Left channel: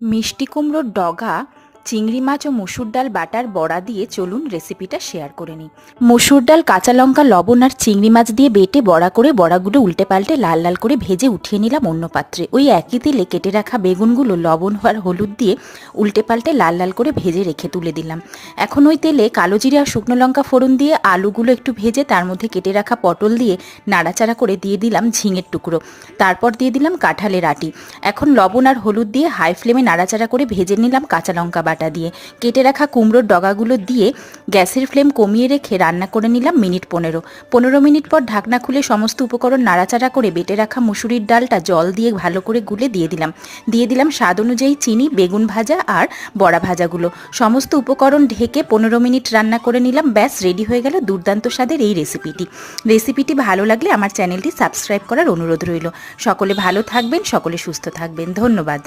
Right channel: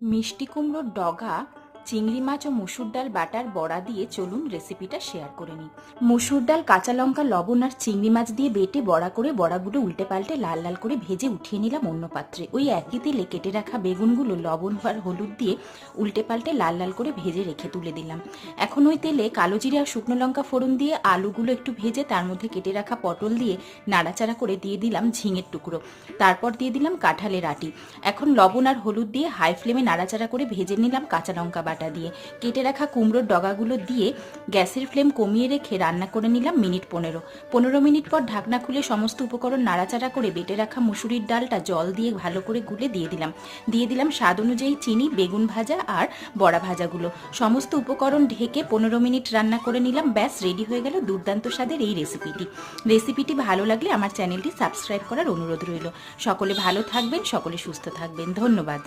মিষ্টি কুমড়োর ডগা, চিংড়ি মাছ ও মুসুর ডাল বাটার বড়া দিয়ে চলুন রেসিপিটা শেয়ার করে নিই। মুসুর ডাল, কাঁচা লঙ্কা, লবণ আর চিংড়ি মাছ দিয়ে বেটে বড়া করে বড়াগুলো উল্টে পাল্টে লাল লাল করে ভেজে উঠিয়ে নিলাম অন্য পাত্রে। ওই একই তেলে কেটে রাখা বেগুনগুলো লবণ আর হলুদ দিয়ে উল্টে পাল্টে লাল লাল করে ভেজে রেখে তুলে দিলাম। এখন ওই তেলে কালো জিরে আর শুকনো লঙ্কা ফোড়ন দিয়ে আলুগুলো একটু ভেজে তার মধ্যে কেটে রাখা পটল দিয়ে নাড়াচাড়া করে দিয়ে দিলাম ঝিঙের টুকরো, তারপর দিয়ে দিলাম কাঁঠালের আটি। এখন লবণ আর হলুদ দিয়ে হাই ফ্লেমে নাড়াচাড়া করে ভেজে নিলাম কাঁচা লঙ্কা বাটা দিয়ে। কেটে রাখা কুমড়োর ডগাগুলো দিয়ে গ্যাসের ফ্লেম কমিয়ে রেখে রান্না করে নিলাম মিনিট 15 মিনিট পর ঢাকনা খুলে সমস্ত উপকরণ নাড়াচাড়া করে বেটে রাখা মুসুরির ডালটা জল দিয়ে ভালো করে গুলে দিয়ে দিলাম স্বাদ অনুযায়ী চিনি, বেগুন ভাজা আর বড়া ভাজাগুলো। সমস্ত উপকরণ ঢেকে 15 মিনিট রান্না করে নিলাম। ব্যাস, রেডি হয়ে গেল দুর্দান্ত স্বাদের এই রেসিপিটি ভালো লাগলে আমার চ্যানেলটি সাবস্ক্রাইব করার অনুরোধ রইল। সকলে ভালো থাকবেন, সকলে সুস্থ থাকবেন। ধন্যবাদ।